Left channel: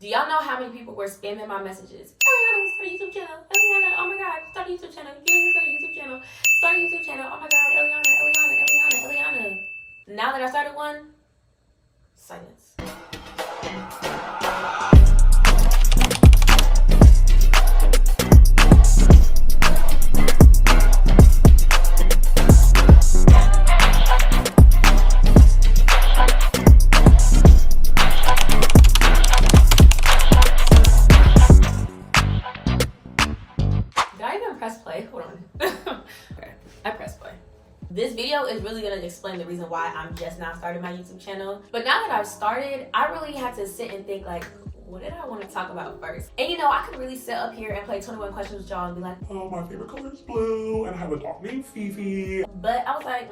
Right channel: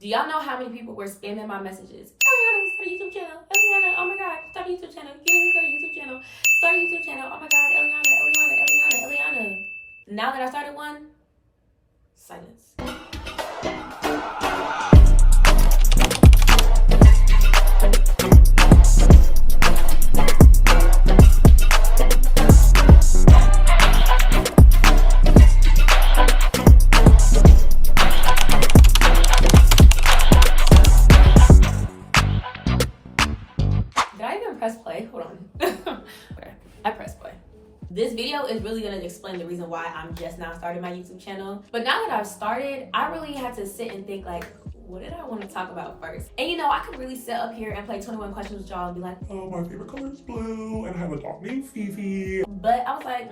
Do y'all know how many people were spamming my messages? Eliana, start a YouTube channel. Eliana, oh my God, start a YouTube channel. You need to start a YouTube channel. Start a YouTube channel. Oh my God, Eliana. Now that I started one, silence. Did I even press play? Hold on. Okay, I pressed play. This video is really gonna explain the reason why I'm just now starting my YouTube channel. But now that I've started, I really had to sit and think like, what did I want to talk about first? And you know, I could really sit up here and play 21 questions with y'all and be like, oh, my favorite color is blue, and I have a dog named Fifi. But I was like,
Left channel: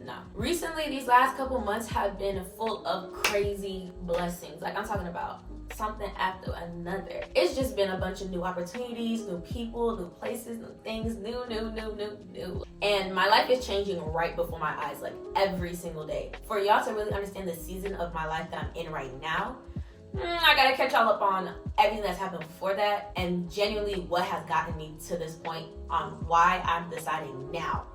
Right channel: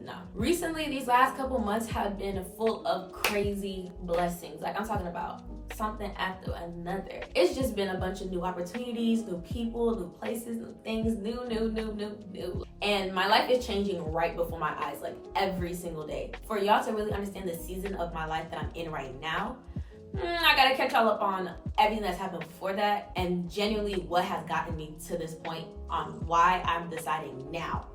no. Recently, these last couple months have been full of crazy blessings. Like I'm talking about something after another. It's just been a bunch of new opportunities, new people, new places, new things, new. And my life is changing right before my eyes, like every single day. For y'all to really understand the season of my life that I'm in right now, I gotta catch y'all up on everything that's happened before that and genuinely what has gotten me to this point on why I'm deciding now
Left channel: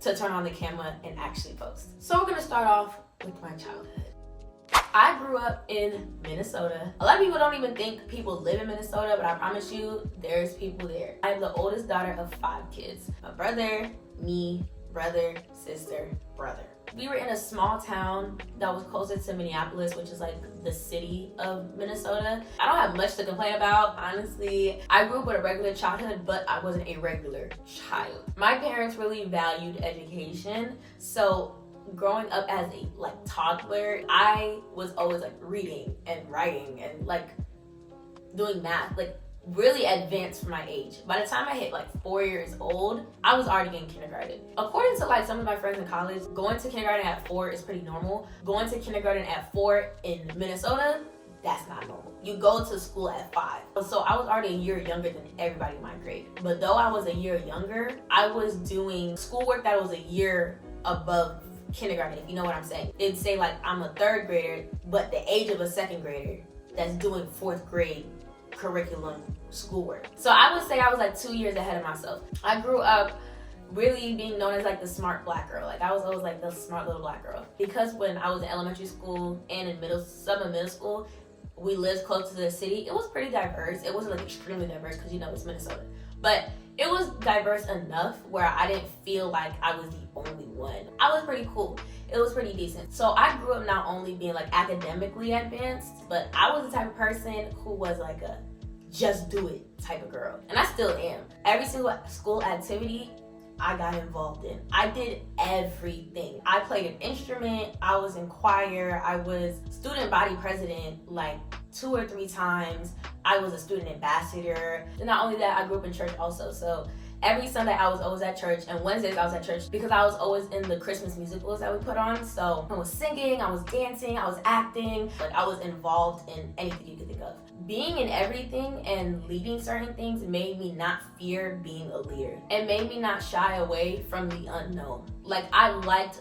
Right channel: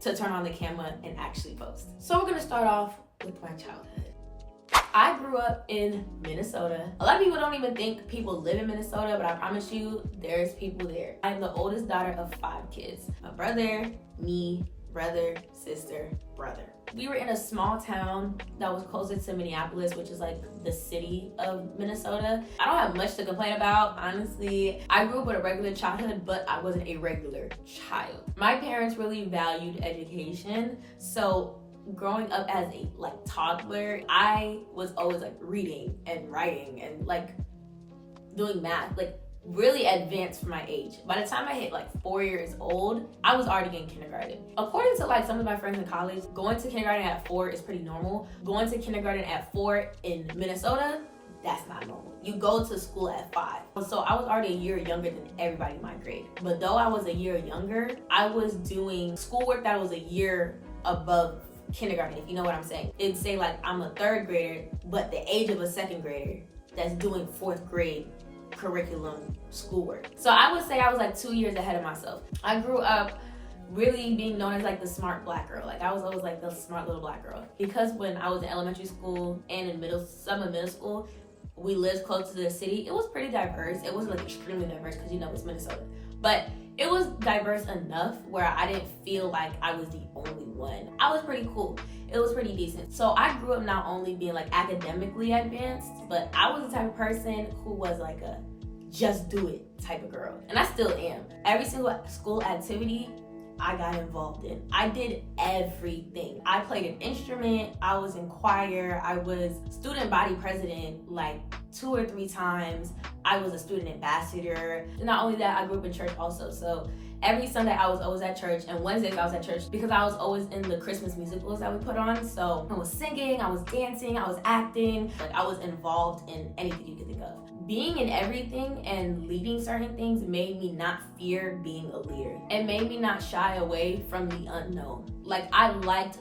to turn on the camera and actually post. So we're gonna start off with my childhood. I grew up in Minnesota. A lot of people don't even think people live in Minnesota, but I promise you, there's people there. I'm the oldest daughter of 5 kids. My brother, me, brother, sister, brother. We were in a small town that was closer to Minneapolis, which is like the city of Minnesota. I don't have much to complain about, honestly. I grew up with a regular childhood, but I wasn't a regular child. My parents really valued education, so growing up as a toddler, I was always like reading and writing and like doing math, like really advanced for my age. By the time I hit like 4 years old, I was already in kindergarten. According to like some of my friends in college, going to kindergarten at 4 is pretty normal. Going to kindergarten at 4 in Minnesota, that's not normal. You go to school at 5. So I was already a year younger than everybody in my grade. But though I was a year younger, I was doing schoolwork that was a year above kindergarten, if you know what I'm saying. It'd say like I'm a 3rd grader, but the age of a 2nd grader that's doing 4th grade curriculum schoolwork. So I would say I was like 2 years ahead of myself. I grew up really being known as like the smart black girl. Like I was always like the smart little black girl. Because when I was in elementary school and in middle school, we lived close to the city. It was pretty diverse. It wasn't like extremely diverse because you know it's Minnesota. But it was diverse enough where I didn't feel like I was the only one. I was pretty cool. It was pretty decent. So I grew up not only being like academically advanced, but I was the type of person who was like a just do it type of girl. And I still am. Every single school activity I got involved in. I did everything. I played an instrument, I was in choir, I was student body president like 2 or 3 times. I was a student ambassador. And not only that, I grew up in church also. So every Sunday I was always at church, and Wednesdays I was at church because I was always in the Christmas musicals that we put on. So I was singing, I was dancing, I was acting, like I was involved in anything you could think of. Being in everything and leading certain things made me not fear being a leader. It made me not shy away from the unknown. Like I liked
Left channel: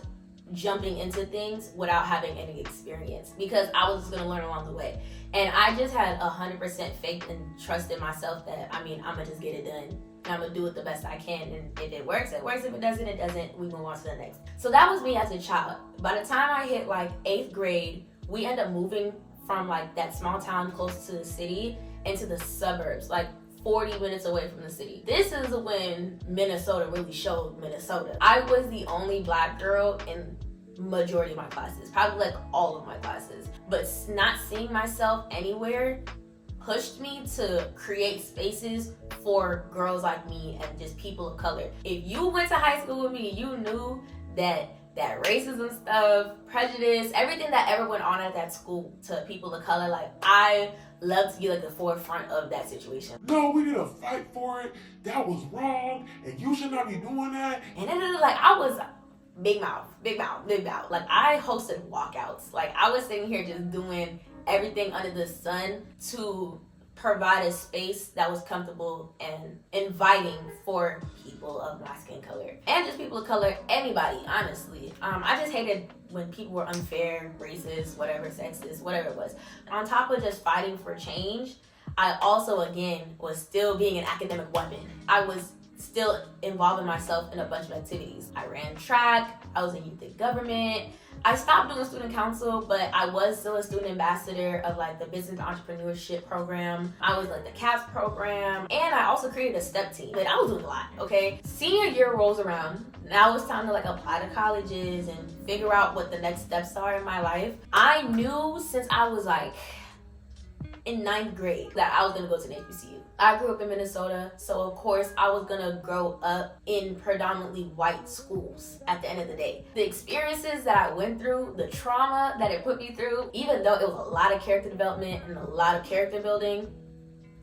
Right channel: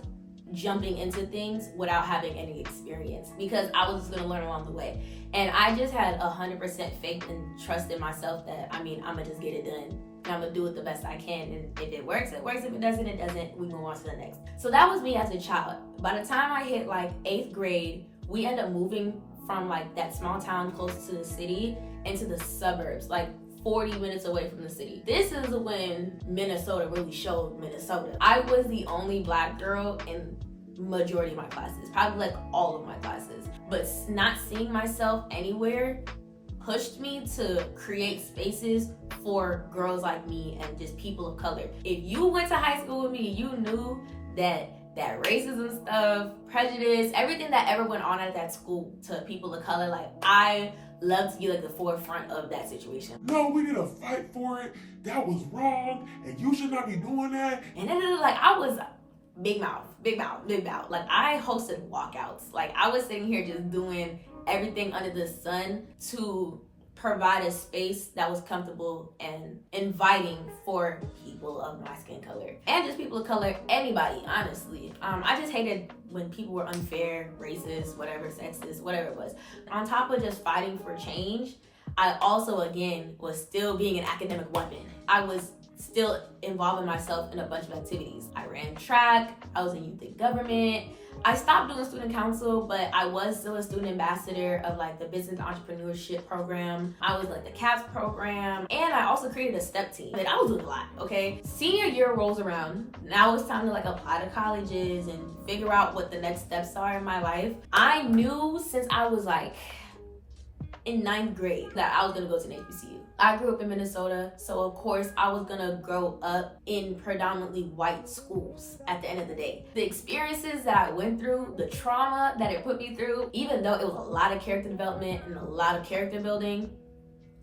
jumping into things without having any experience because I was just gonna learn along the way. And I just had 100% faith and trust in myself that, I'm gonna just get it done. And I'm gonna do it the best I can. And if it works, it works. If it doesn't, it doesn't. We move on to the next. So that was me as a child. By the time I hit like 8th grade, we ended up moving from like that small town close to the city into the suburbs, like 40 minutes away from the city. This is when Minnesota really showed Minnesota. I was the only black girl in majority of my classes, probably like all of my classes. But not seeing myself anywhere pushed me to create spaces for girls like me and just people of color. If you went to high school with me, you knew that racism stuff, prejudice, everything that ever went on at that school to people of color, like I love to be like the forefront of that situation. No, we need to fight for it. That was wrong, and you should not be doing that. And then like I was big mouth. Like I hosted walkouts. Like I was sitting here just doing everything under the sun to provide a space that was comfortable and inviting for people of my skin color and just people of color, anybody, honestly. I just hated when people were unfair, racist, whatever, sexist, whatever it was. On top of just fighting for change, I also, again, was still being an academic weapon. I was still involving myself in a bunch of activities. I ran track, I was in youth and government. I stopped doing student council, but I was still a student ambassador of like the business entrepreneurship program. I was like the CAPS program, and I also created a step team. But I was doing a lot, okay? Senior year rolls around. Now it's time to like apply to colleges and figure out what the next steps are in my life. I knew since I was like in 9th grade that I was gonna go to an HBCU. I grew up in Minnesota, so of course I was gonna grow up in predominantly white schools at the end of the day. The experiences that I went through, the trauma that it put me through, even though it was a lot of character development and a lot of character building,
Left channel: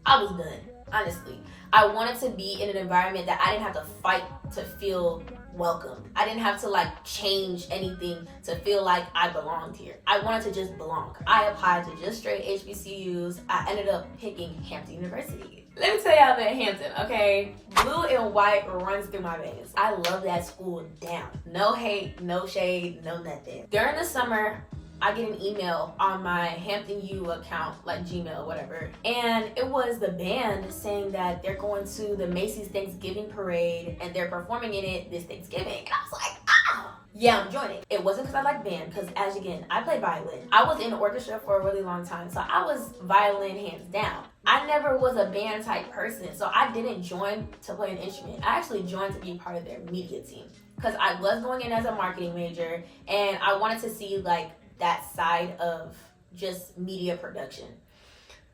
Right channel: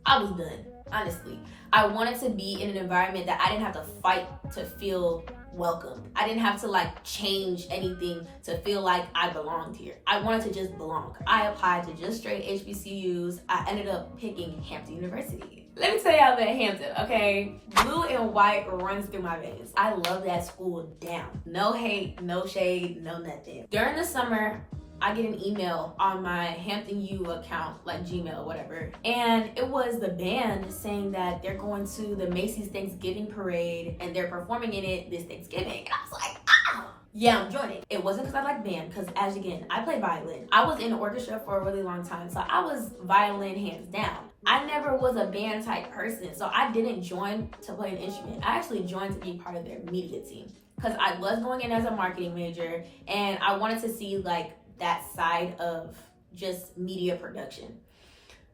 I was done, honestly. I wanted to be in an environment that I didn't have to fight to feel welcomed. I didn't have to like change anything to feel like I belonged here. I wanted to just belong. I applied to just straight HBCUs. I ended up picking Hampton University. Let me tell y'all about Hampton, okay? Blue and white runs through my veins. I love that school down. No hate, no shade, no nothing. During the summer, I get an email on my Hampton U account, like Gmail, whatever. And it was the band saying that they're going to the Macy's Thanksgiving parade and they're performing in it this Thanksgiving. And I was like, ah! Yeah, I'm joining. It wasn't because I like band, because as again, I play violin. I was in the orchestra for a really long time, so I was violin hands down. I never was a band type person, so I didn't join to play an instrument. I actually joined to be part of their media team because I was going in as a marketing major and I wanted to see like that side of just media production.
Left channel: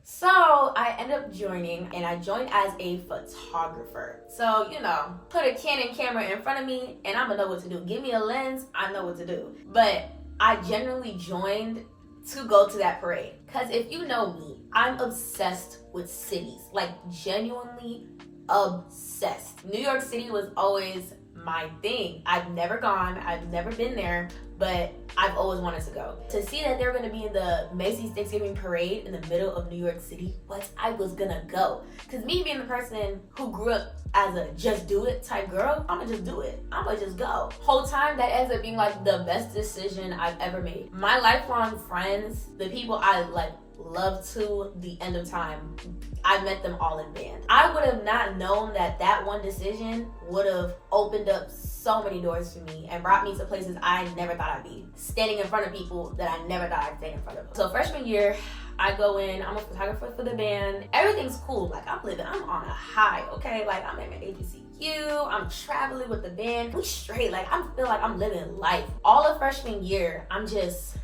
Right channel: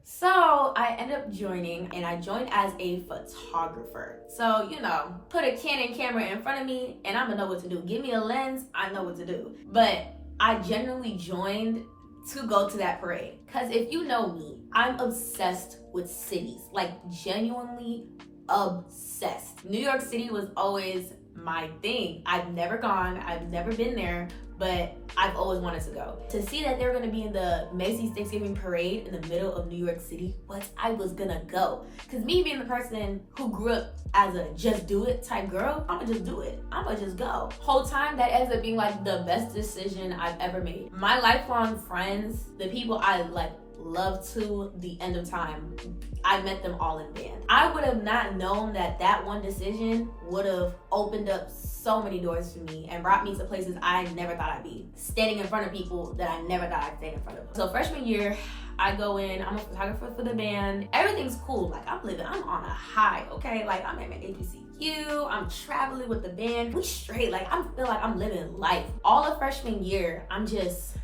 So I ended up joining, and I joined as a photographer. So, you know, put a Canon camera in front of me and I'm gonna know what to do. Give me a lens, I know what to do. But I genuinely joined to go to that parade. Because if you know me, I'm obsessed with cities, like genuinely obsessed. New York City was always my thing. I've never gone, I've never been there, but I've always wanted to go. To see that they're gonna be in the Macy's Thanksgiving parade in the middle of New York City, I was gonna go. Cause me being the person who grew up as a just do it type girl, I'ma just do it. I'ma just go. Whole time that ends up being like the best decision I've ever made. My lifelong friends, the people I like love to the end of time, I met them all in band. I would have not known that that one decision would have opened up so many doors for me and brought me to places I never thought I'd be. Standing in front of people that I never thought I'd stand in front of. So freshman year, I go in, I'm a photographer for the band. Everything's cool. Like I'm on a high, okay? Like I'm at my HBCU, I'm traveling with the band. We straight, like I feel like I'm living life. All of freshman year, I just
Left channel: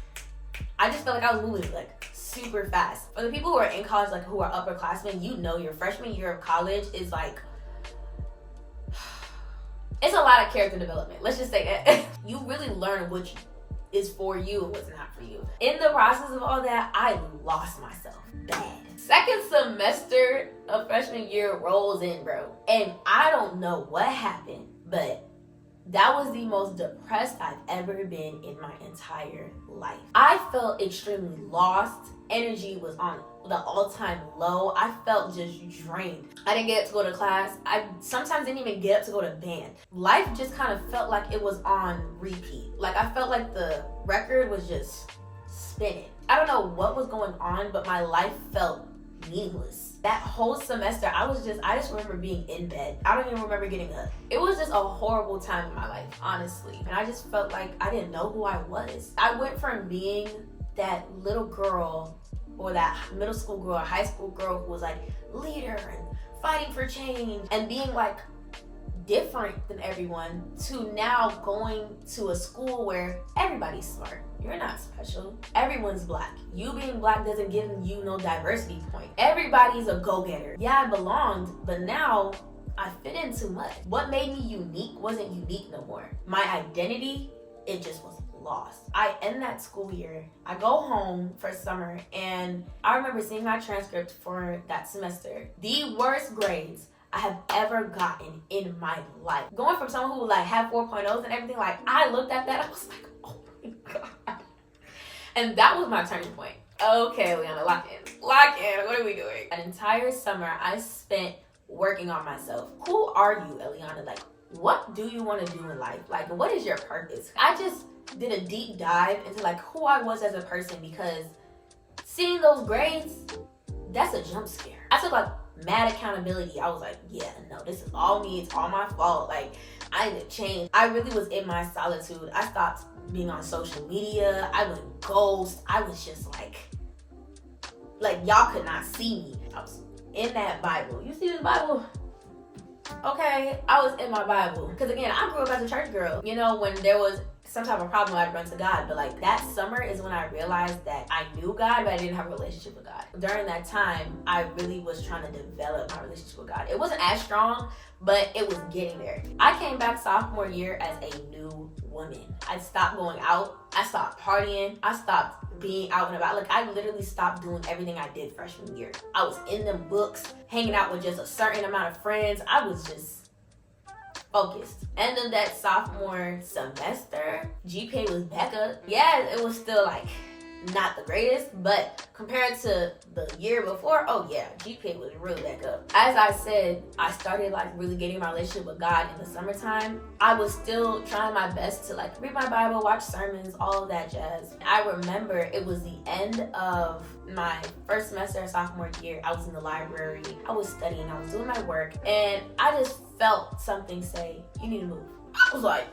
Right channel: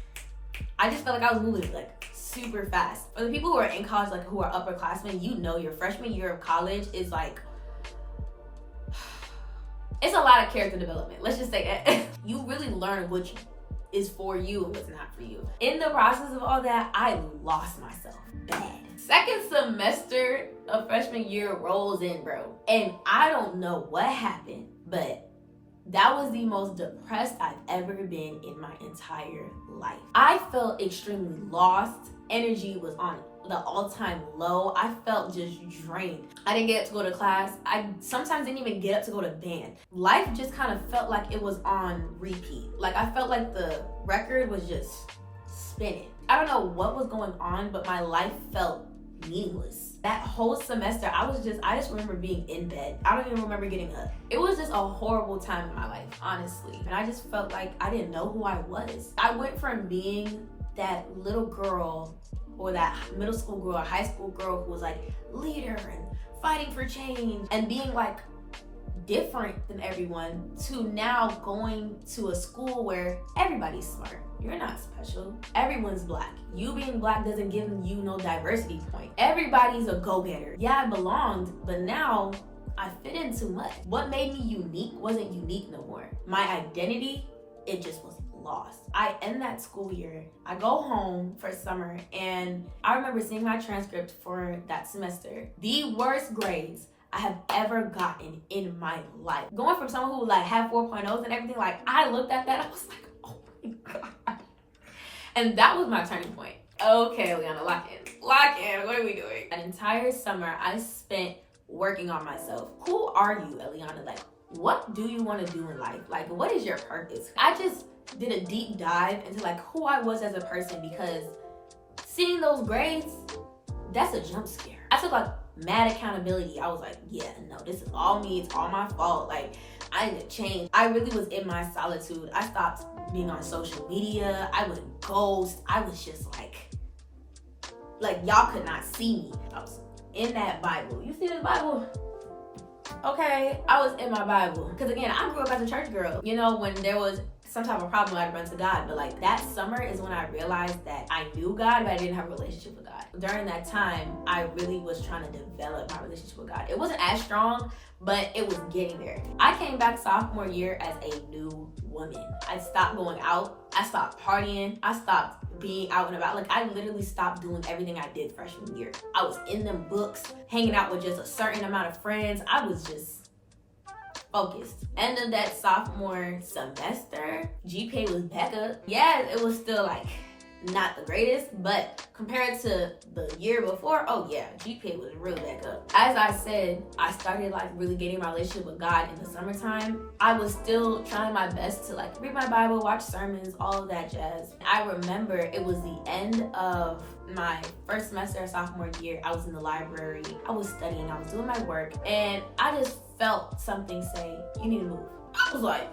felt like I was moving like super fast. For the people who are in college, like who are upperclassmen, you know your freshman year of college is like, it's a lot of character development. Let's just say that. You really learn which is for you and what's not for you. In the process of all that, I lost myself bad. Second semester of freshman year rolls in, bro. And I don't know what happened, but that was the most depressed I've ever been in my entire life. I felt extremely lost. Energy was on the all-time low. I felt just drained. I didn't get up to go to class. I sometimes didn't even get up to go to band. Life just kind of felt like it was on repeat. Like I felt like the record was just spinning. I don't know what was going on, but my life felt meaningless. That whole semester, I just remember being in bed. I don't even remember getting up. It was just a horrible time in my life, honestly. And I just felt like I didn't know who I was. I went from being that little girl or that middle school girl or high school girl who was like leader and fighting for change and being like different than everyone to now going to a school where everybody's smart. You're not special. Everyone's black. You being black doesn't give you no diversity point. Everybody's a go-getter. Yeah, I belonged, but now I fit in too much. What made me unique wasn't unique no more. My identity, it just was lost. I end that school year. I go home for summer and I remember seeing my transcript for that semester. The worst grades I have ever gotten in my life. Going from someone who like had 4.0s and everything, like I looked at that, I was like, oh my God. And that was my turning point. Okay, Liana, lock in. Lock in. What are we doing? An entire summer I spent working on myself. Who are you, Eliana? Like, what do you want to do in life? Like, what is your purpose? I just did a deep dive into like who I was as a person, because seeing those grades, that's a jump scare. I took like mad accountability. I was like, yeah, no, this is all me. It's all my fault. Like, I need to change. I really was in my solitude. I stopped being on social media. I went ghost. I was just like y'all could not see me. I was in that Bible. You see this Bible? Okay, I was in my Bible. Because again, I grew up as a church girl. You know, when there was some type of problem, I'd run to God. But like that summer is when I realized that I knew God, but I didn't have a relationship with God. During that time, I really was trying to develop my relationship with God. It wasn't as strong, but it was getting there. I came back sophomore year as a new woman. I stopped going out. I stopped partying. I stopped being out and about. Like, I literally stopped doing everything I did freshman year. I was in them books, hanging out with just a certain amount of friends. I was just focused. End of that sophomore semester, GPA was back up. Yeah, it was still like not the greatest, but compared to the year before, oh yeah, GPA was really back up. As I said, I started like really getting my relationship with God in the summertime. I was still trying my best to like read my Bible, watch sermons, all of that jazz. I remember it was the end of my first semester of sophomore year. I was in the library, I was studying, I was doing my work, and I just felt something say, you need to move. I was like,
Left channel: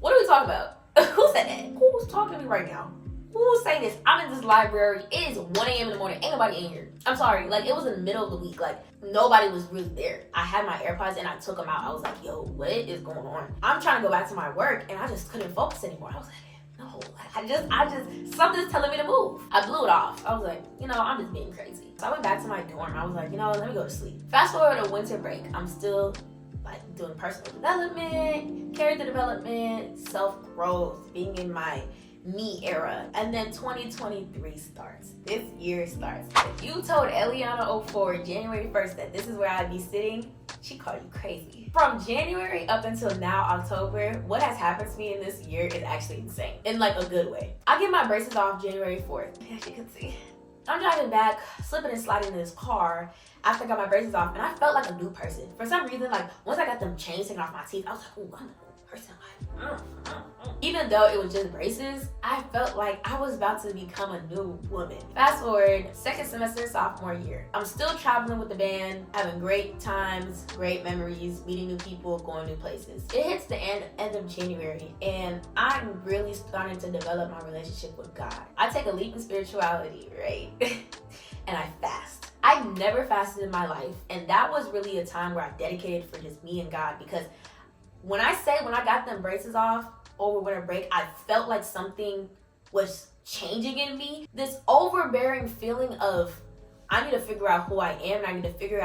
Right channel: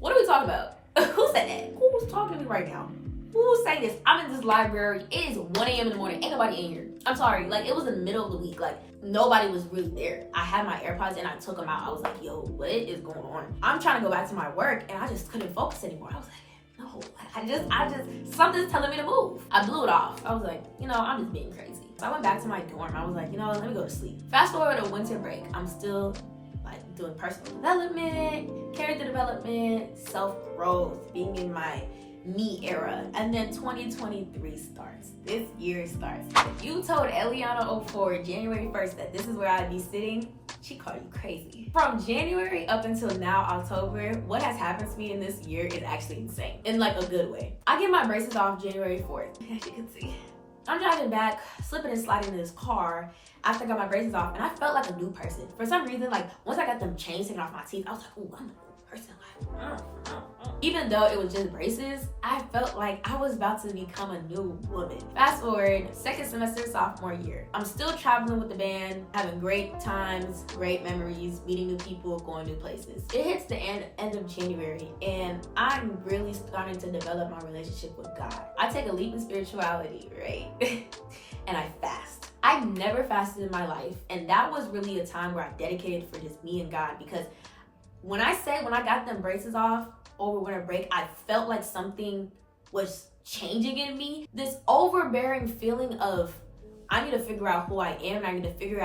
what are we talking about? Who said that? Who's talking to me right now? Who's saying this? I'm in this library. It is 1 a.m. in the morning. Ain't nobody in here. I'm sorry. Like, it was in the middle of the week. Like, nobody was really there. I had my AirPods and I took them out. I was like, yo, what is going on? I'm trying to go back to my work and I just couldn't focus anymore. I was like, no, I just, something's telling me to move. I blew it off. I was like, you know, I'm just being crazy. So I went back to my dorm. I was like, you know, let me go to sleep. Fast forward to winter break. I'm still like doing personal development, character development, self-growth, being in my me era. And then 2023 starts. This year starts. If you told Eliana 04 January 1st that this is where I'd be sitting, she called you crazy. From January up until now, October, what has happened to me in this year is actually insane. In like a good way. I get my braces off January 4th. As you can see. I'm driving back, slipping and sliding in this car after I got my braces off, and I felt like a new person. For some reason, like, once I got them chains taken off my teeth, I was like, ooh, I'm a new person. Like, even though it was just braces, I felt like I was about to become a new woman. Fast forward, second semester, sophomore year. I'm still traveling with the band, having great times, great memories, meeting new people, going new places. It hits the end of January, and I'm really starting to develop my relationship with God. I take a leap in spirituality, right? And I fast. I never fasted in my life, and that was really a time where I dedicated for just me and God, because when I got them braces off over winter break, I felt like something was changing in me. This overbearing feeling of I need to figure out who I am, and I need to figure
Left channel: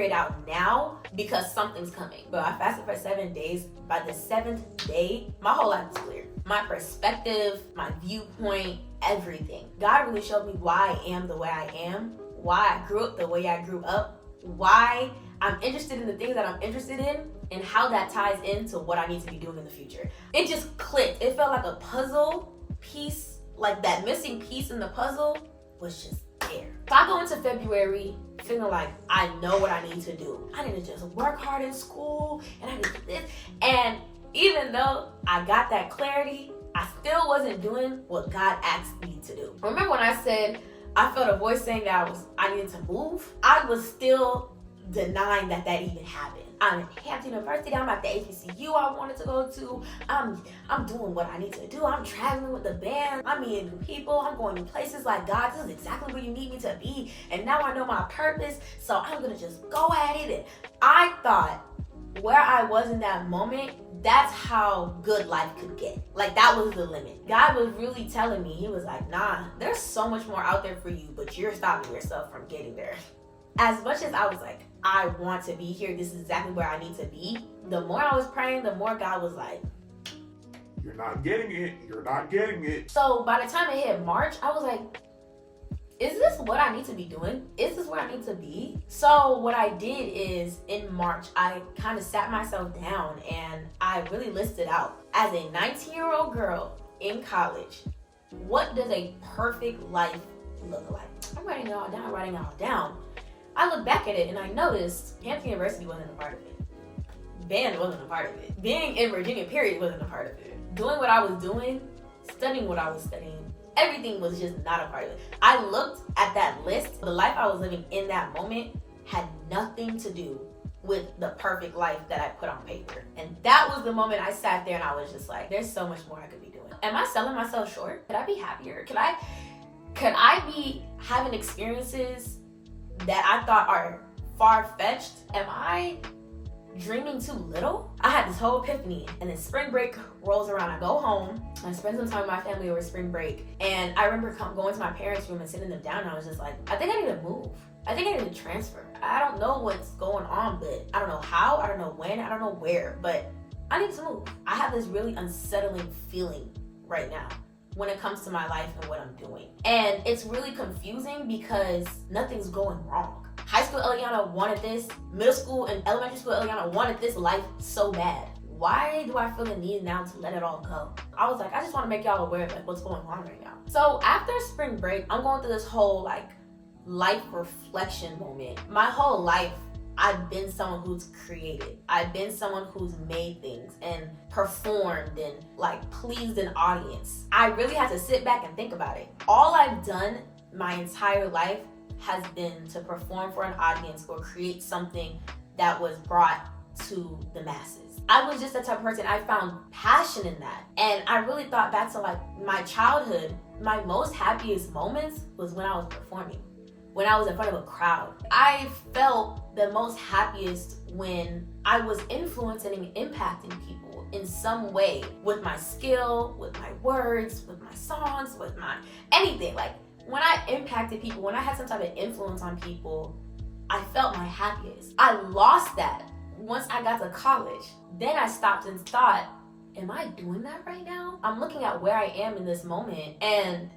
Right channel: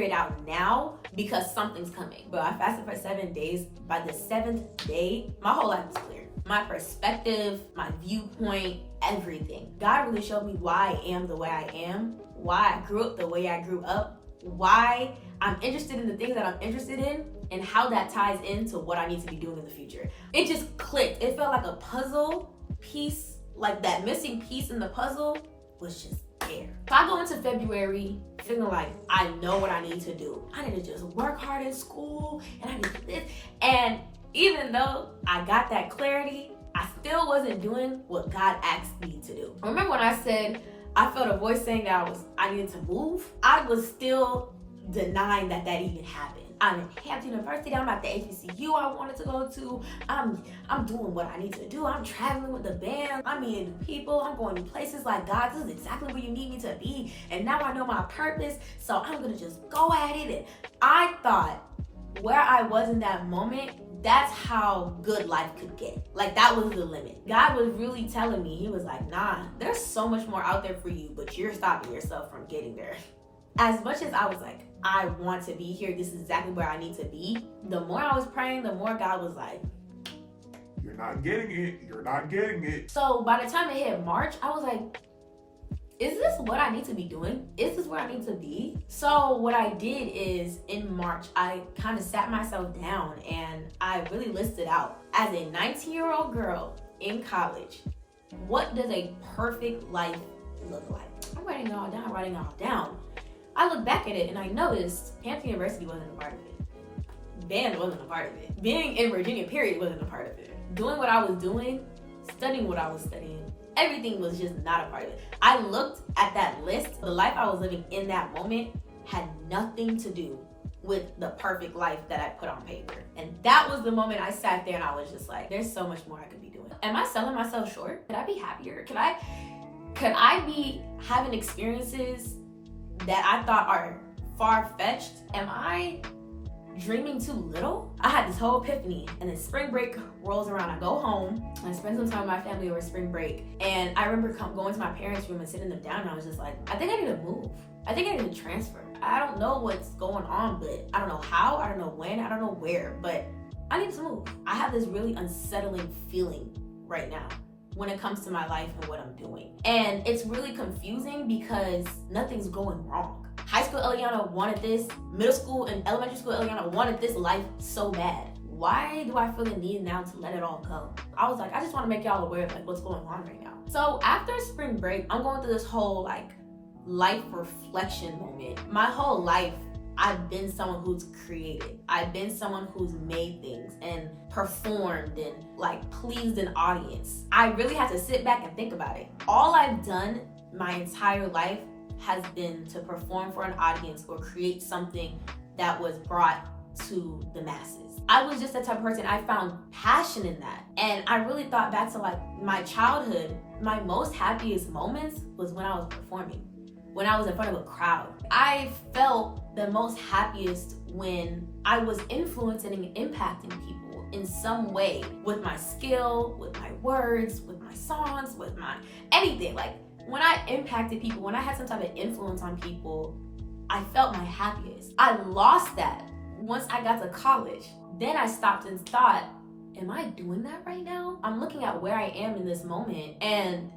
it out now because something's coming. But I fasted for 7 days. By the 7th day, my whole life was clear. My perspective, my viewpoint, everything. God really showed me why I am the way I am, why I grew up the way I grew up, why I'm interested in the things that I'm interested in, and how that ties into what I need to be doing in the future. It just clicked. It felt like a puzzle piece, like that missing piece in the puzzle was just there. So I go into February feeling like I know what I need to do. I need to just work hard in school, and I need to do this. And even though I got that clarity, I still wasn't doing what God asked me to do. Remember when I said I felt a voice saying that I needed to move? I was still denying that even happened. I'm in Hampton University. I'm at the HBCU I wanted to go to. I'm doing what I need to do. I'm traveling with the band. I'm meeting new people. I'm going to places like, God, this is exactly where you need me to be. And now I know my purpose, so I'm going to just go at it. And I thought where I was in that moment, that's how good life could get. Like, that was the limit. God was really telling me, he was like, nah, there's so much more out there for you, but you're stopping yourself from getting there. As much as I was like, I want to be here, this is exactly where I need to be, the more I was praying, the more God was like, you're not getting it. You're not getting it. So by the time it hit March, I was like, is this what I need to be doing? Is this where I need to be? So what I did is in March, I kind of sat myself down and I really listed out as a 19-year-old girl in college, what does a perfect life look like? I'm writing it all down. I look back at it and I noticed Hampton University wasn't a part of it. Band wasn't a part of it. Being in Virginia, period, wasn't a part of it. Doing what I was doing, studying what I was studying, everything was just not a part of it. I looked at that list. The life I was living in that moment had nothing to do with the perfect life that I put on paper. And that was the moment I sat there and I was just like, there's so much more I could be doing. Am I selling myself short? Could I be happier? Could I be having experiences that I thought are far-fetched? Am I dreaming too little? I had this whole epiphany, and then spring break rolls around. I go home, I spend some time with my family over spring break, and I remember going to my parents' room and sitting them down, and I was just like, I think I need to move. I think I need to transfer. I don't know what's going on, but I don't know how, I don't know when, I don't know where, but I need to move. I have this really unsettling feeling right now when it comes to my life and what I'm doing. And it's really confusing because nothing's going wrong. High school Eliana wanted this. Middle school and elementary school Eliana wanted this life so bad. Why do I feel the need now to let it all go? I was like, I just want to make y'all aware of like what's going on right now. So after spring break, I'm going through this whole like life reflection moment. My whole life, I've been someone who's created. I've been someone who's made things and performed and like pleased an audience. I really had to sit back and think about it. All I've done my entire life has been to perform for an audience or create something that was brought to the masses. I was just the type of person, I found passion in that. And I really thought back to like my childhood, my most happiest moments was when I was performing, when I was in front of a crowd. I felt the most happiest when I was influencing and impacting people in some way with my skill, with my words, with my songs, with my anything. Like when I impacted people, when I had some type of influence on people, I felt my happiest. I lost that once I got to college. Then I stopped and thought, am I doing that right now? I'm looking at where I am in this moment and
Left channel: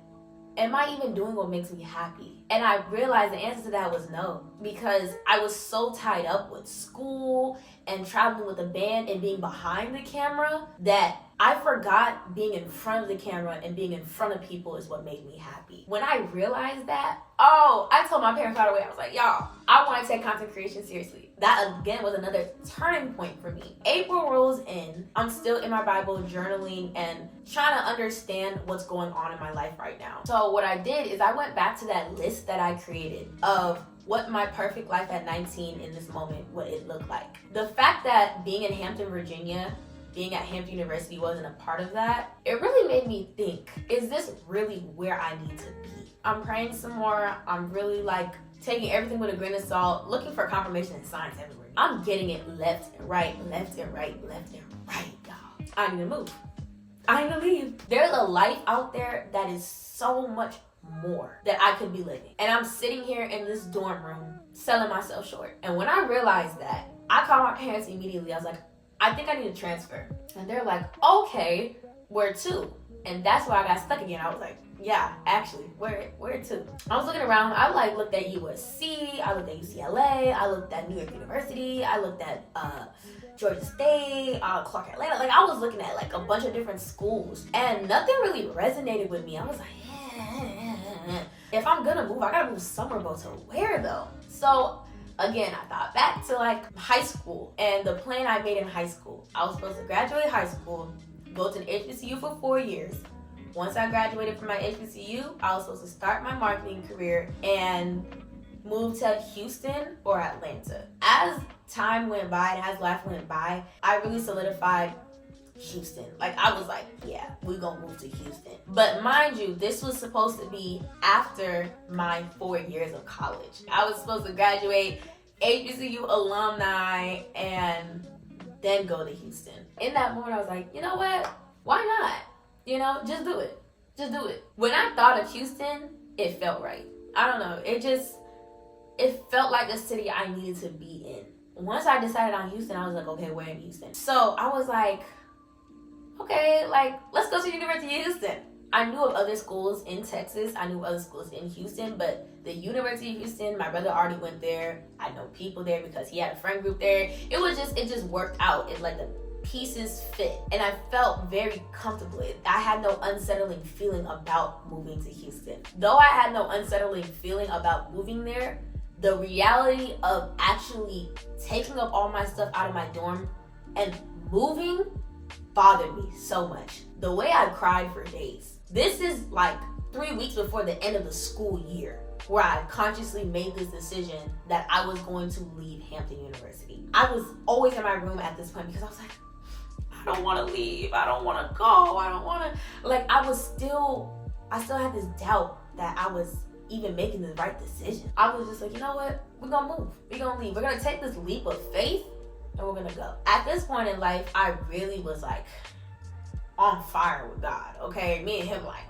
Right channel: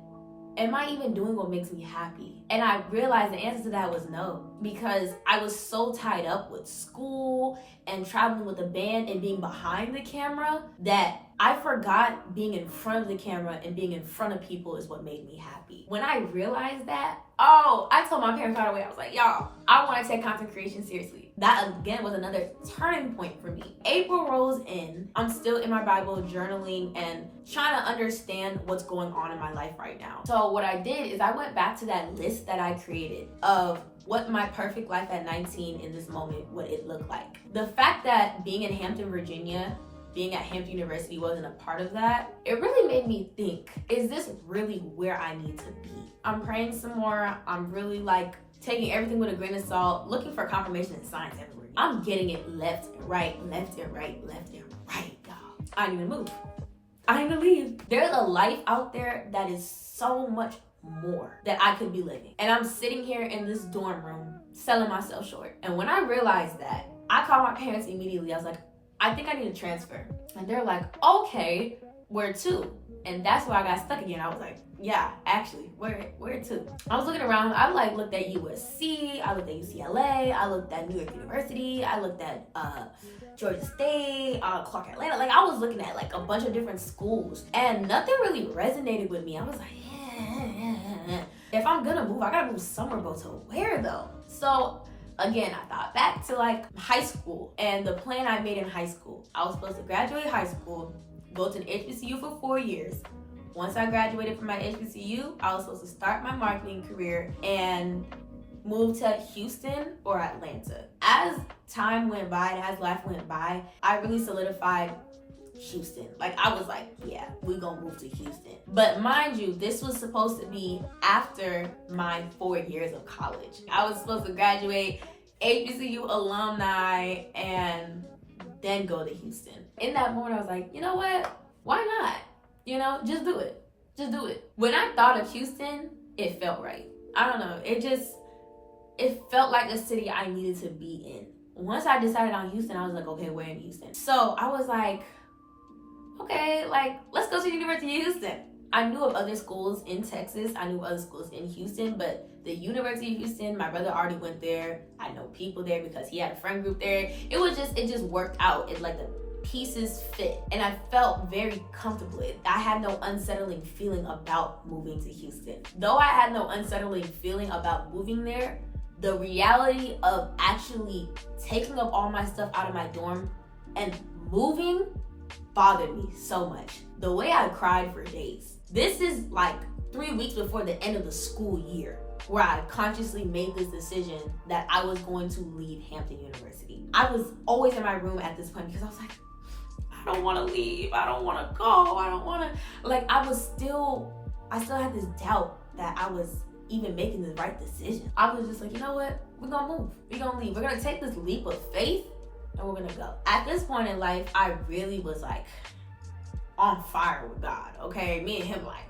am I even doing what makes me happy? And I realized the answer to that was no, because I was so tied up with school and traveling with a band and being behind the camera that I forgot being in front of the camera and being in front of people is what made me happy. When I realized that, I told my parents right away, I was like, y'all, I want to take content creation seriously. That again was another turning point for me. April rolls in, I'm still in my Bible journaling and trying to understand what's going on in my life right now. So what I did is I went back to that list that I created of what my perfect life at 19 in this moment, what it looked like. The fact that being in Hampton, Virginia, being at Hampton University wasn't a part of that, it really made me think, is this really where I need to be? I'm praying some more. I'm really like taking everything with a grain of salt, looking for confirmation and signs everywhere. I'm getting it left and right, left and right, left and right, y'all. I need to move. I need to leave. There's a life out there that is so much more that I could be living. And I'm sitting here in this dorm room selling myself short. And when I realized that, I called my parents immediately. I was like, I think I need to transfer. And they're like, okay, where to? And that's where I got stuck again. I was like, yeah, actually, where to? I was looking around. I like looked at USC, I looked at UCLA, I looked at New York University, I looked at Georgia State, Clark Atlanta. Like I was looking at like a bunch of different schools and nothing really resonated with me. I was like, if I'm gonna move, I gotta move somewhere, but to where though? So again, I thought back to like high school and the plan I made in high school. I was supposed to graduate high school, go to an HBCU for 4 years. Once I graduated from my HBCU, I was supposed to start my marketing career and move to Houston or Atlanta. As time went by and as life went by, I really solidified Houston. Like I was like, yeah, we're gonna move to Houston. But mind you, this was supposed to be after my 4 years of college. I was supposed to graduate HBCU alumni and then go to Houston. In that moment, I was like, you know what? Why not? You know, just do it. Just do it. When I thought of Houston, it felt right. I don't know. It felt like a city I needed to be in. Once I decided on Houston, I was like, okay, where in Houston? So I was like, okay, like, let's go to the University of Houston. I knew of other schools in Texas. I knew of other schools in Houston, but the University of Houston, my brother already went there. I know people there because he had a friend group there. It just worked out. It's like the pieces fit, and I felt very comfortable. I had no unsettling feeling about moving to Houston. Though I had no unsettling feeling about moving there, the reality of actually taking up all my stuff out of my dorm and moving bothered me so much. The way I cried for days. This is like 3 weeks before the end of the school year, where I consciously made this decision that I was going to leave Hampton University. I was always in my room at this point because I was like, I don't want to leave. I don't want to go. I don't want to, like, I still had this doubt that I was even making the right decision. I was just like, you know what? We're going to move. We're going to leave. We're going to take this leap of faith and we're going to go. At this point in life, I really was like on fire with God, okay? Me and him, like.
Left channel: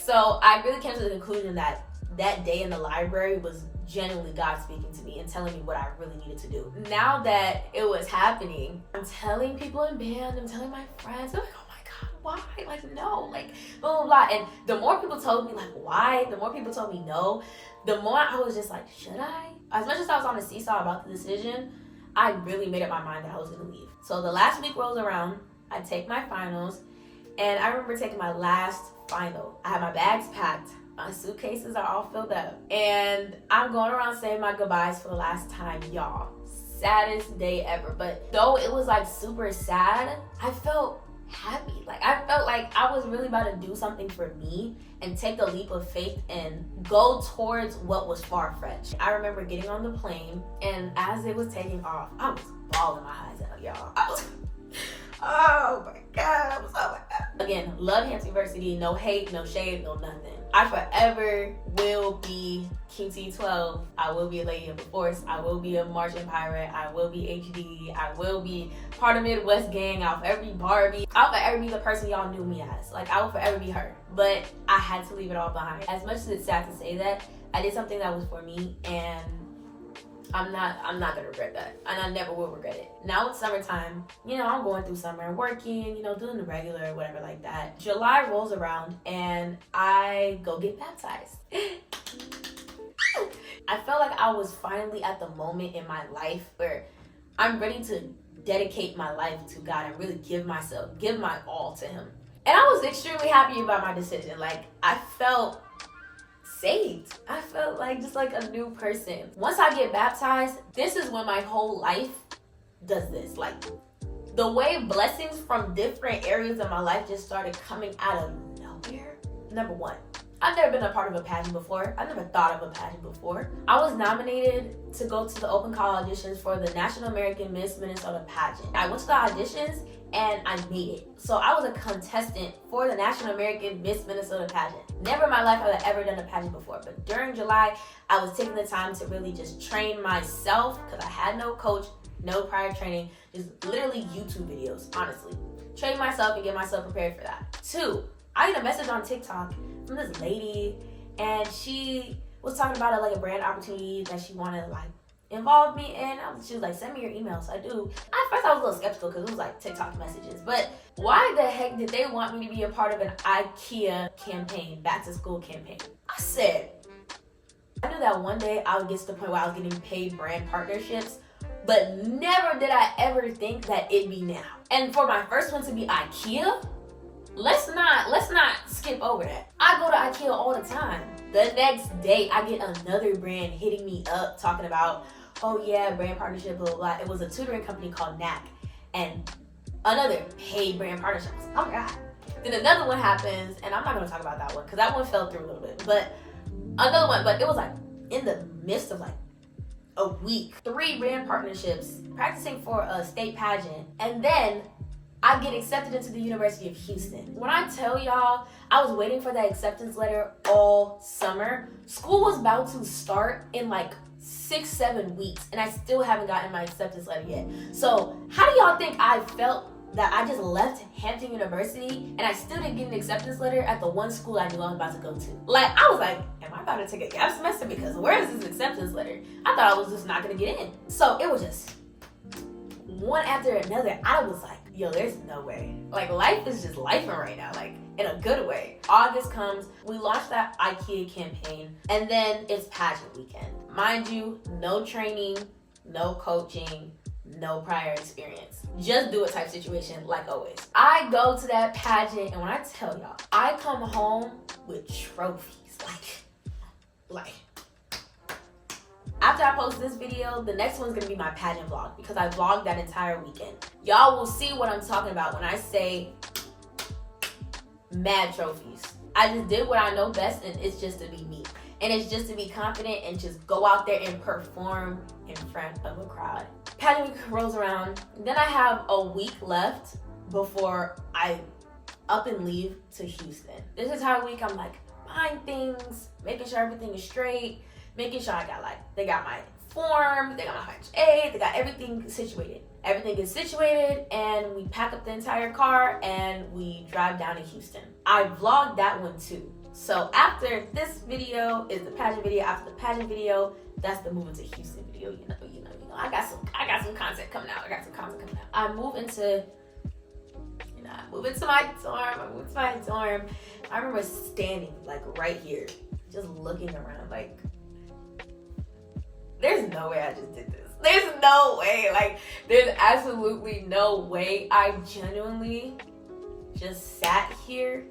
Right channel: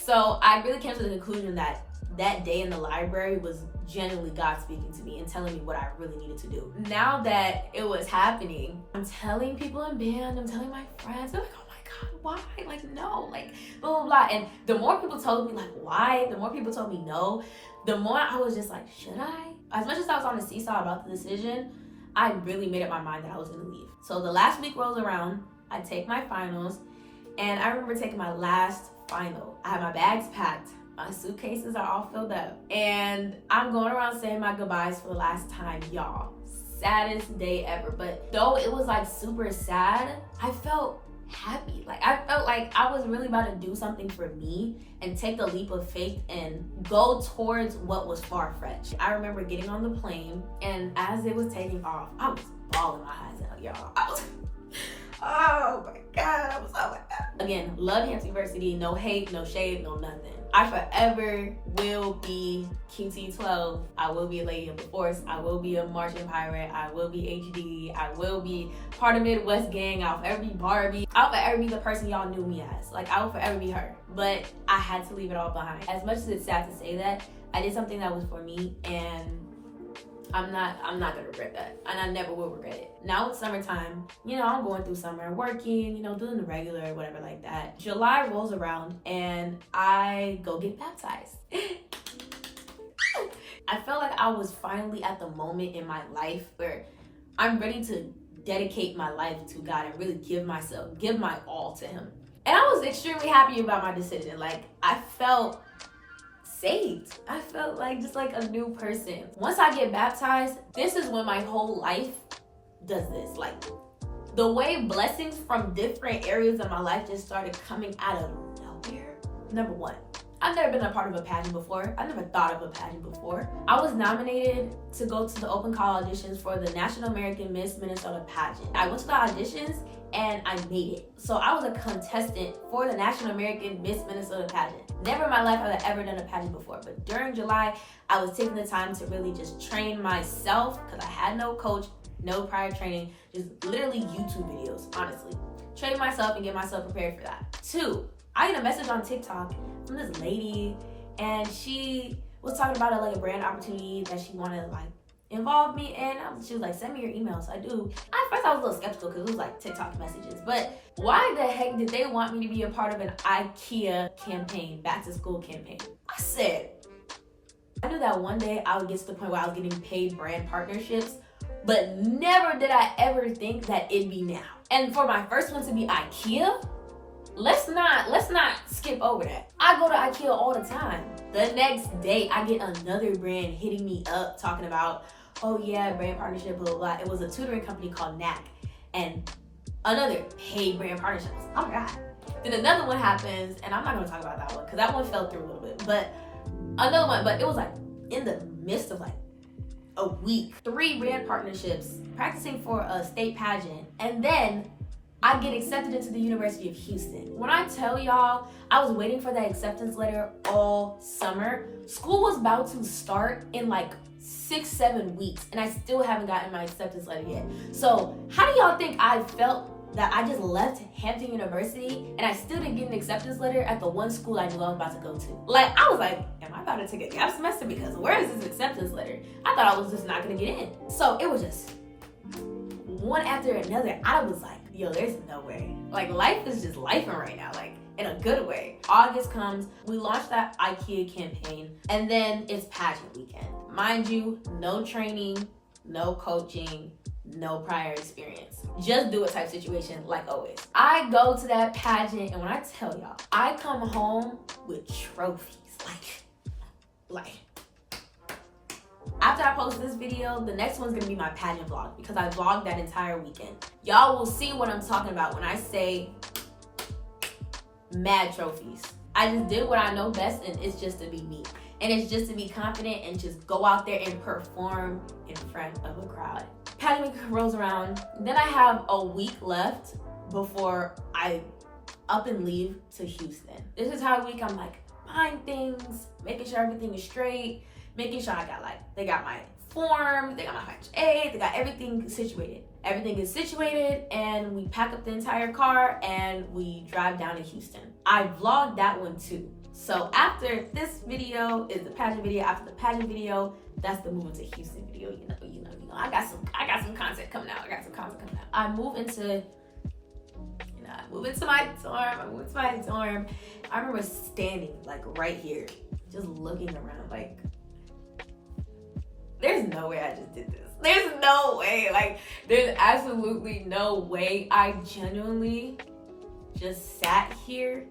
So I really came to the conclusion that that day in the library was genuinely God speaking to me and telling me what I really needed to do. Now that it was happening, I'm telling people in band, I'm telling my friends, they're like, oh my God, why? Like, no, like, blah, blah, blah. And the more people told me, like, why? The more people told me no, the more I was just like, should I? As much as I was on the seesaw about the decision, I really made up my mind that I was gonna leave. So the last week rolls around, I take my finals, and I remember taking my last final. I had my bags packed. My suitcases are all filled up, and I'm going around saying my goodbyes for the last time, y'all. Saddest day ever. But though it was like super sad, I felt happy. Like, I felt like I was really about to do something for me and take the leap of faith and go towards what was far-fetched. I remember getting on the plane, and as it was taking off, I was bawling my eyes out, y'all. Oh my God, I was so like that. Again, love Hampton University, no hate, no shade, no nothing. I forever will be QT12. I will be a lady of the force. I will be a marching pirate. I will be HD. I will be part of Midwest gang. I'll forever be Barbie. I'll forever be the person y'all knew me as. Like, I will forever be her. But I had to leave it all behind. As much as it's sad to say that, I did something that was for me, and I'm not gonna regret that, and I never will regret it. Now it's summertime, you know, I'm going through summer, working, you know, doing the regular, whatever like that. July rolls around, and I go get baptized. I felt like I was finally at the moment in my life where I'm ready to dedicate my life to God and really give my all to Him. And I was extremely happy about my decision. Like, I felt saved. I felt like just like a new person. Once I get baptized, this is when my whole life does this. Like, the way blessings from different areas of my life just started coming out of nowhere. Number one, I've never been a part of a pageant before. I've never thought of a pageant before. I was nominated to go to the open call auditions for the National American Miss Minnesota pageant. I went to the auditions and I made it. So I was a contestant for the National American Miss Minnesota pageant. Never in my life had I ever done a pageant before, but during July, I was taking the time to really just train myself because I had no coach, no prior training, just literally YouTube videos, honestly. Train myself and get myself prepared for that. 2, I get a message on TikTok from this lady, and she was talking about like a brand opportunity that she wanted to like involve me in. She was like, send me your email. So I do. At first I was a little skeptical because it was like TikTok messages, but why the heck did they want me to be a part of an IKEA campaign, back to school campaign? I said, I knew that one day I would get to the point where I was getting paid brand partnerships, but never did I ever think that it'd be now. And for my first one to be IKEA, let's not skip over that. I go to IKEA all the time. The next day, I get another brand hitting me up talking about, oh yeah, brand partnership, blah, blah, blah. It was a tutoring company called NAC, and another paid brand partnership. Oh my God. Then another one happens, and I'm not gonna talk about that one because that one fell through a little bit, but another one, but it was like in the midst of like a week, 3 brand partnerships, practicing for a state pageant, and then I get accepted into the University of Houston. When I tell y'all, I was waiting for that acceptance letter all summer. School was about to start in like 6-7 weeks, and I still haven't gotten my acceptance letter yet. So how do y'all think I felt that I just left Hampton University and I still didn't get an acceptance letter at the one school I knew I was about to go to? Like, I was like, am I about to take a gap semester? Because where is this acceptance letter? I thought I was just not gonna get in. So it was just one after another. I was like, yo, there's no way. Like, life is just lifing right now, like in a good way. August comes, we launched that IKEA campaign, and then it's pageant weekend. Mind you, no training, no coaching, no prior experience. Just do it type situation, like always. I go to that pageant, and when I tell y'all, I come home with trophies. Like. After I post this video, the next one's gonna be my pageant vlog because I vlogged that entire weekend. Y'all will see what I'm talking about when I say mad trophies. I just did what I know best, and it's just to be me. And it's just to be confident and just go out there and perform in front of a crowd. Pageant week rolls around. Then I have a week left before I up and leave to Houston. This entire week I'm like buying things, making sure everything is straight, making sure they got my form, they got my HA, they got everything situated. Everything is situated, and we pack up the entire car and we drive down to Houston. I vlogged that one too. So after this video is the pageant video. After the pageant video, that's the moving to Houston video. You know. I got some content coming out. I move into my dorm. I remember standing like right here, just looking around like, there's no way I just did this. There's no way. Like, there's absolutely no way I genuinely just sat here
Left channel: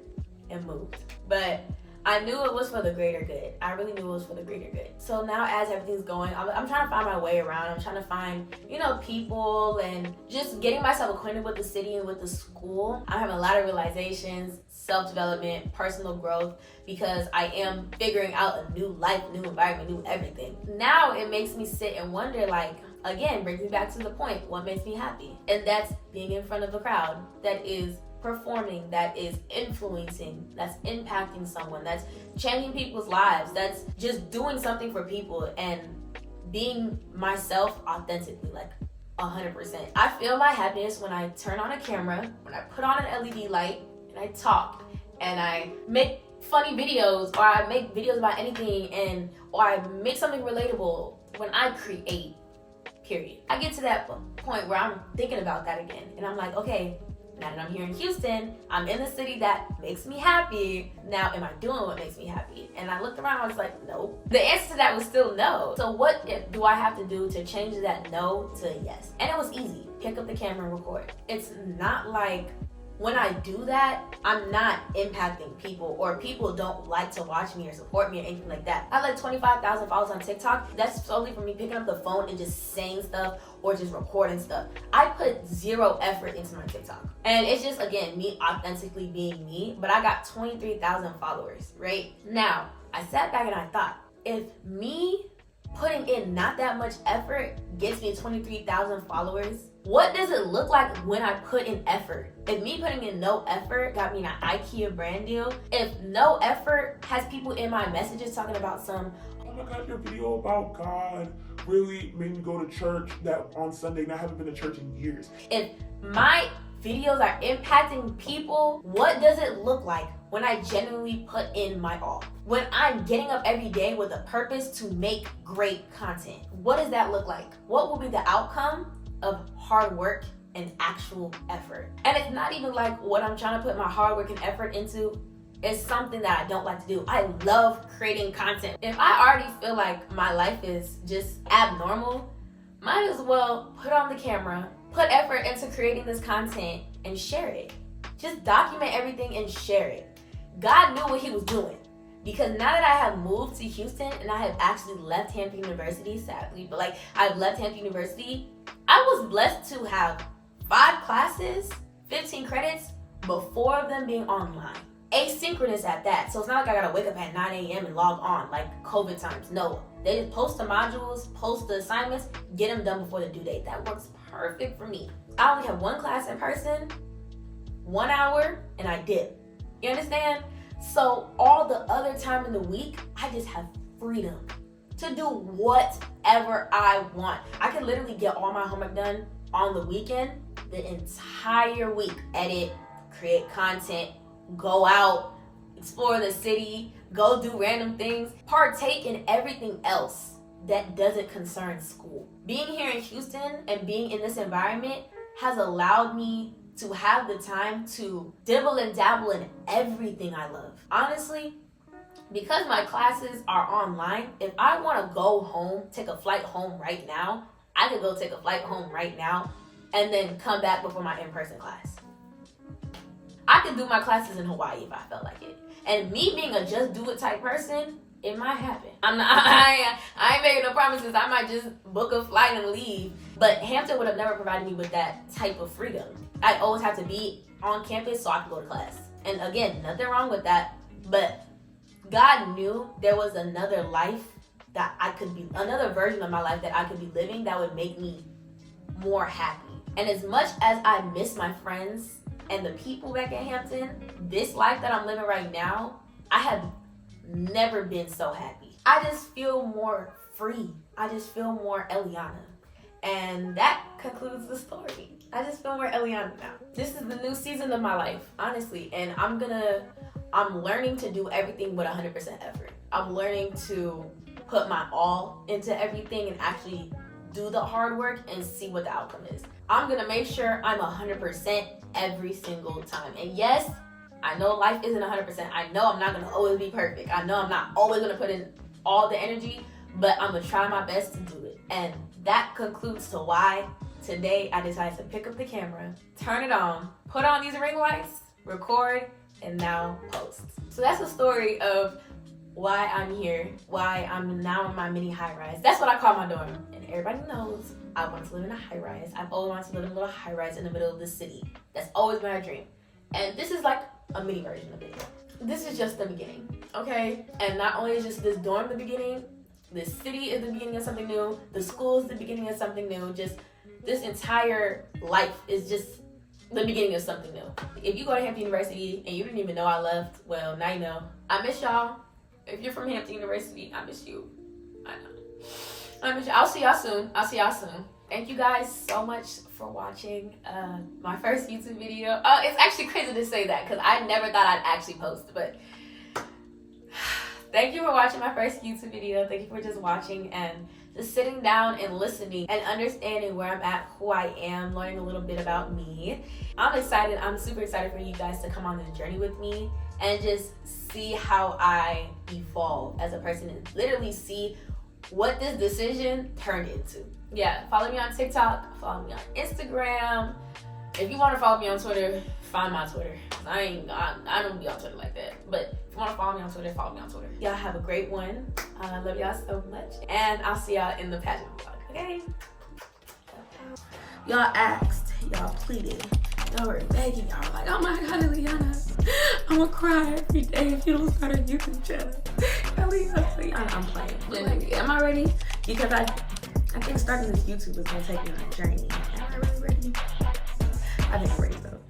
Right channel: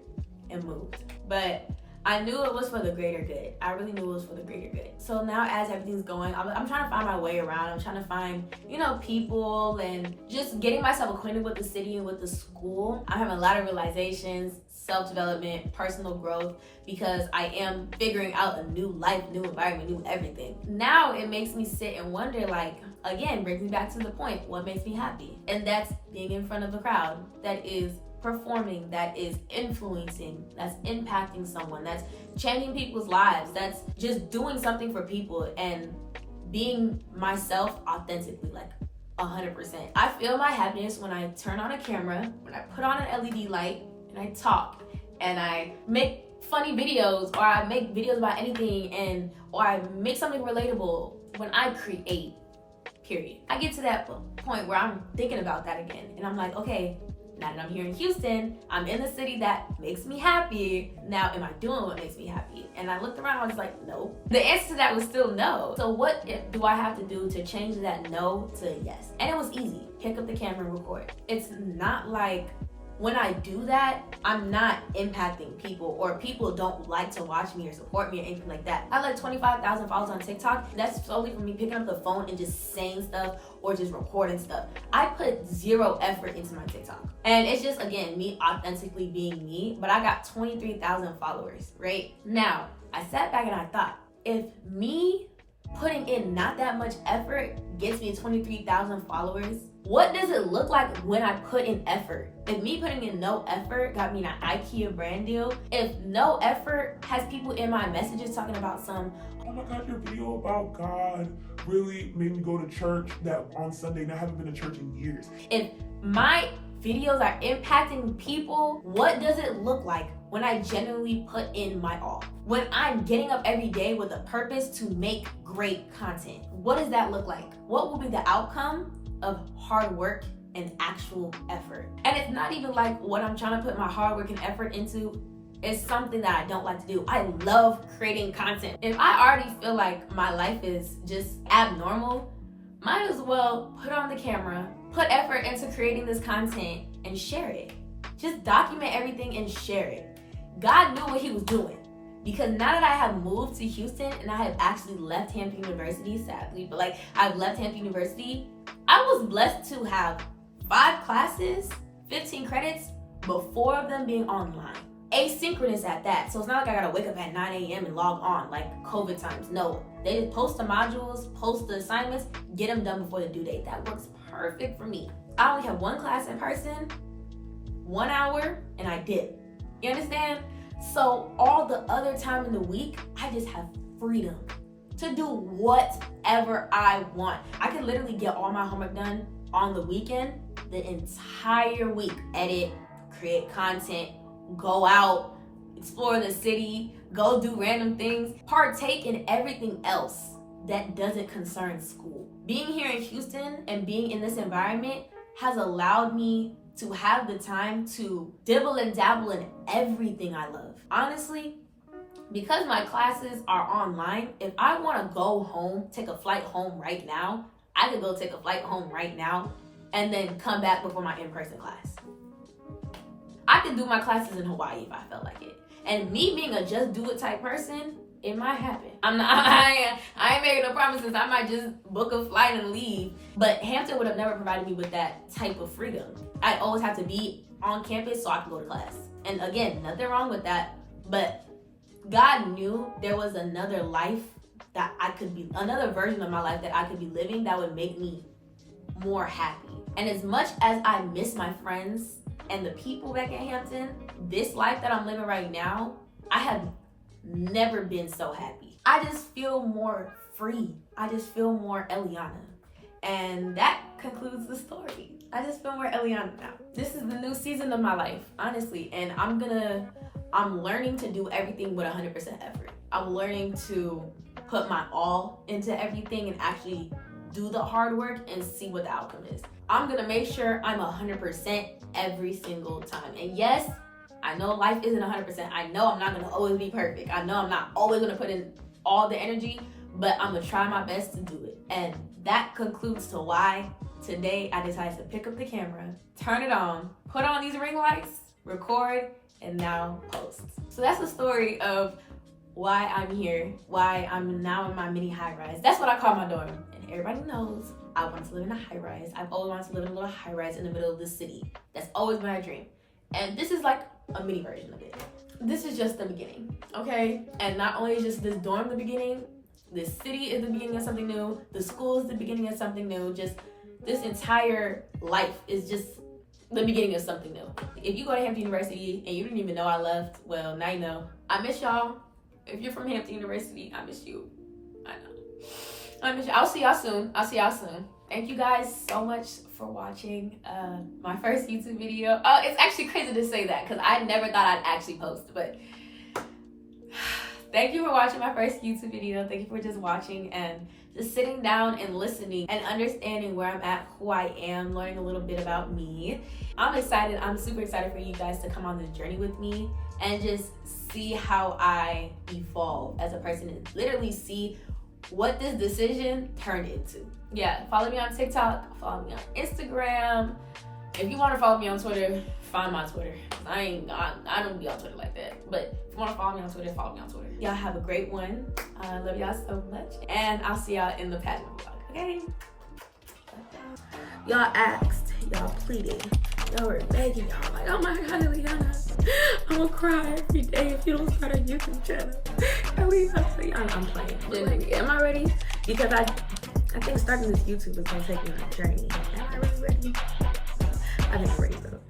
and moved. But I knew it was for the greater good. I really knew it was for the greater good. So now as everything's going, I'm trying to find my way around. I'm trying to find, people and just getting myself acquainted with the city and with the school. I'm having a lot of realizations, self-development, personal growth, because I am figuring out a new life, new environment, new everything. Now it makes me sit and wonder, like, again, brings me back to the point, what makes me happy? And that's being in front of a crowd that is performing, that is influencing, that's impacting someone, that's changing people's lives, that's just doing something for people and being myself authentically, like 100%. I feel my happiness when I turn on a camera, when I put on an LED light, and I talk, and I make funny videos, or I make videos about anything, or I make something relatable. When I create, period. I get to that point where I'm thinking about that again, and I'm like, okay, now that I'm here in Houston, I'm in the city that makes me happy. Now, am I doing what makes me happy? And I looked around, I was like, no. The answer to that was still no. So what do I have to do to change that no to a yes? And it was easy. Pick up the camera and record. It's not like when I do that, I'm not impacting people, or people don't like to watch me or support me or anything like that. I have like 25,000 followers on TikTok. That's solely for me picking up the phone and just saying stuff or just recording stuff. I put zero effort into my TikTok. And it's just, again, me authentically being me, but I got 23,000 followers, right? Now, I sat back and I thought, if me putting in not that much effort gets me 23,000 followers, what does it look like when I put in effort? If me putting in no effort got me an IKEA brand deal, if no effort has people in my messages talking about some, oh my God, your video about God really made me go to church that on Sunday, and I haven't been to church in years. If my videos are impacting people, what does it look like when I genuinely put in my all? When I'm getting up every day with a purpose to make great content, what does that look like? What will be the outcome of hard work and actual effort? And it's not even like what I'm trying to put my hard work and effort into is something that I don't like to do. I love creating content. If I already feel like my life is just abnormal, might as well put on the camera, put effort into creating this content, and share it. Just document everything and share it. God knew what he was doing, because now that I have moved to Houston and I have actually left Hampton University, sadly, but like I've left Hampton University, I was blessed to have 5 classes, 15 credits, but 4 of them being online. Asynchronous at that. So it's not like I gotta wake up at 9 a.m. and log on like COVID times. No, they just post the modules, post the assignments, get them done before the due date. That works perfect for me. I only have 1 class in person, 1 hour, and I dip. You understand? So all the other time in the week, I just have freedom to do whatever I want. I can literally get all my homework done on the weekend, the entire week. Edit, create content, go out, explore the city, go do random things, partake in everything else that doesn't concern school. Being here in Houston and being in this environment has allowed me to have the time to dibble and dabble in everything I love. Honestly, because my classes are online, if I want to go home, take a flight home right now, I could go take a flight home right now and then come back before my in-person class. I could do my classes in Hawaii if I felt like it. And me being a just do it type person, it might happen. I ain't making no promises. I might just book a flight and leave. But Hampton would have never provided me with that type of freedom. I'd always have to be on campus so I could go to class. And again, nothing wrong with that. But God knew there was another life that I could be, another version of my life that I could be living that would make me more happy. And as much as I miss my friends and the people back in Hampton, this life that I'm living right now, I have never been so happy. I just feel more free. I just feel more Eliana. And that concludes the story. I just feel more Eliana now. This is the new season of my life, honestly. And I'm learning to do everything with 100% effort. I'm learning to put my all into everything and actually do the hard work and see what the outcome is. I'm gonna make sure I'm 100% every single time. And yes, I know life isn't 100%. I know I'm not gonna always be perfect. I know I'm not always gonna put in all the energy, but I'm gonna try my best to do it. And that concludes to why today I decided to pick up the camera, turn it on, put on these ring lights, record, and now post. So that's the story of why I'm here, why I'm now in my mini high-rise. That's what I call my dorm. And everybody knows I want to live in a high-rise. I've always wanted to live in a little high-rise in the middle of the city. That's always been my dream. And this is like a mini version of it. This is just the beginning, okay? And not only is just this dorm the beginning, this city is the beginning of something new, the school is the beginning of something new, just this entire life is just the beginning of something new. If you go to Hampton University and you didn't even know I left, well, now you know. I miss y'all. If you're from Hampton University, I miss you. I know. I miss you. I'll see y'all soon. Thank you guys so much for watching my first YouTube video. Oh, it's actually crazy to say that because I never thought I'd actually post, but thank you for watching my first YouTube video. Thank you for just watching and just sitting down and listening and understanding where I'm at, who I am, learning a little bit about me. I'm excited. I'm super excited for you guys to come on this journey with me and just see how I evolve as a person and literally see what this decision turned into. Yeah, follow me on TikTok, follow me on Instagram. If you want to follow me on Twitter, find my Twitter. I don't be on Twitter like that. But if you want to follow me on Twitter, follow me on Twitter. Y'all have a great one. I love y'all so much. And I'll see y'all in the pageant vlog, okay? Y'all asked, y'all pleaded, y'all were begging, y'all were like, oh my God, Eliana, I'm gonna cry every day if you don't start a YouTube channel. Eliana, I'm playing. Am I ready? Because I think starting this YouTube is gonna take me on a journey. Am I really ready? I think I'm ready though.